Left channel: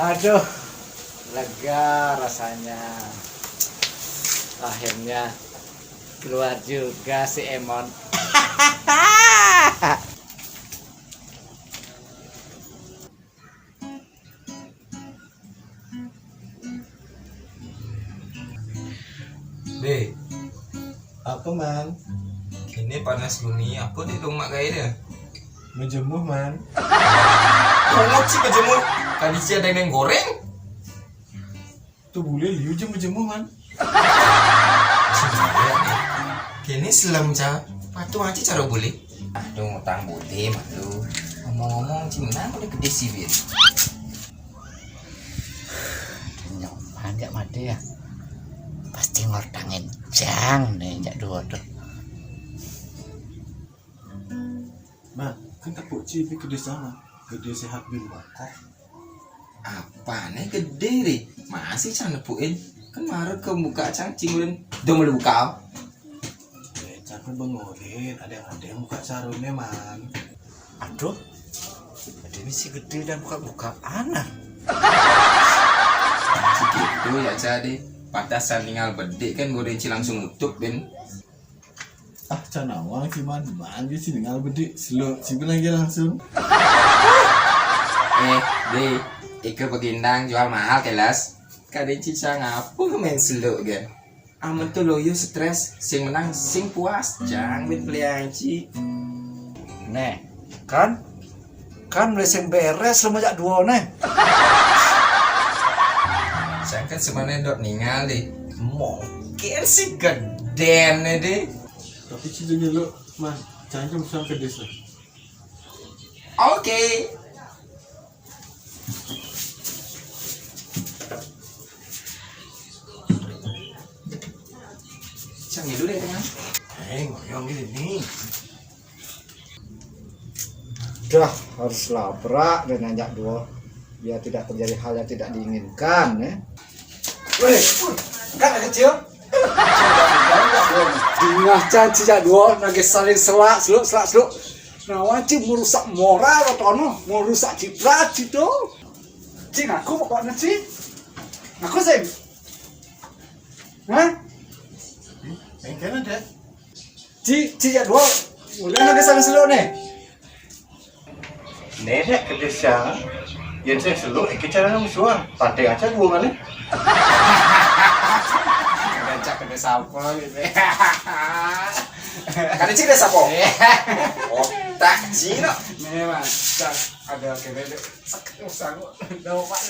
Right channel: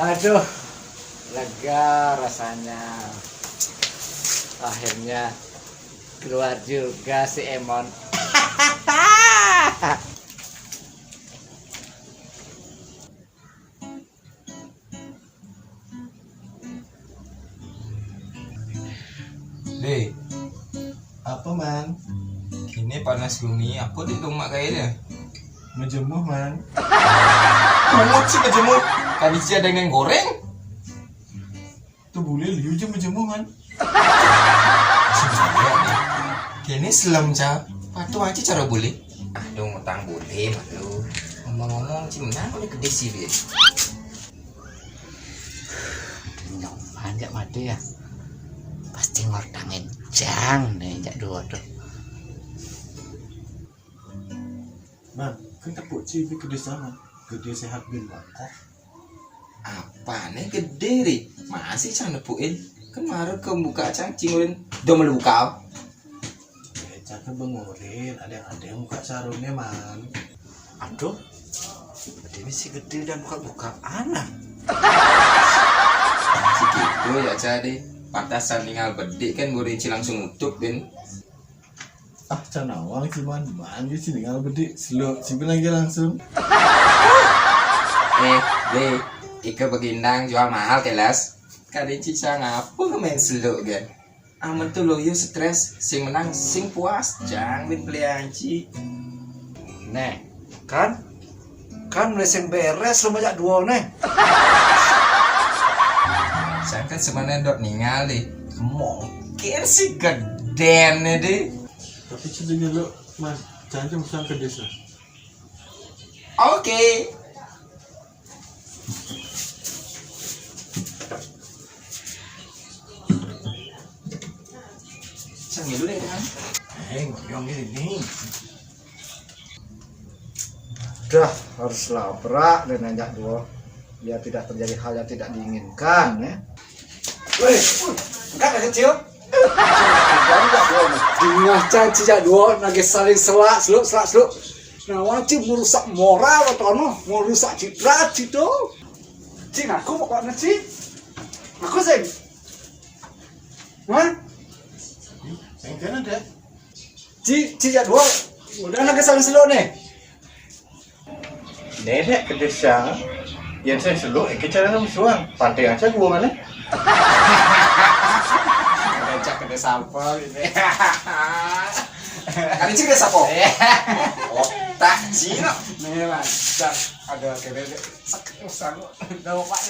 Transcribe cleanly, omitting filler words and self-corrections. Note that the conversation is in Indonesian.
Aduh, lega rasanya. Akhirnya keluar juga si Emon. Deh, Apa man? ini panas gini, apa di rumah kayaknya? Menjemuh man? Ngomong sih kejemur, tadi sih ada yang goreng. Tuh boleh liu je menjemuh man? Kini selam ca, patu aja cara boleh. Aduh ngutang boleh malu. Ngomong-ngomong cimnang udah gede sih dia. Nyoman jak mati ya. Pasti ngortangin jang nih jak dua tuh. Man, kan tepuk cibi gede sama. Gede sehat bin bangkok. Apa nih gede deh? Masih can nepuin. Kemarin ke buka cangcing udah melu buka. Cakep bengorin, ada yang buka sarungnya man. Aduh, ini si gede dan buka-buka anak. Gitu ya jadi. Patasan tinggal bedik kan gue langsung nutup ben. Ah, canawang sih man. Man di sini ngal bedik. Selo, cibi lagi langsung. Deh, Ika begindang jual mahal kelas. Kadang cica ngapa main seluk kan? Aman tuh loyo stres, sing menang sing puas, jangan pelianci. Nih, kan mesin beres lu majak dua nih. Saya kan sebenarnya dok ninggal deh. Mungkin sih geden deh. Tapi cibinya lo man, cancung sang ke desa. Oke. Canggih dulu deh kan. Ngoyong ini. Udah harus labrak dan nanjak dua biar tidak terjadi hal yang tidak diinginkan ya. Wih, enggak ada kecil. Dingah caci jak dua lagi saling selak. Nah wajib merusak moral atau no, merusak citra itu. Cing aku pokoknya cing. Aku sing. Hah? Yang kena deh. Jak dua udah lagi saling seluk nih. Nenek ke desa, yang saya seluk, cara kamu suang, pantai aja gua mana? Ngajak ke desa apa gitu ya. Kan cik desa apa? Otak Cina. Nih mas, ada kene sakit usang, udah pak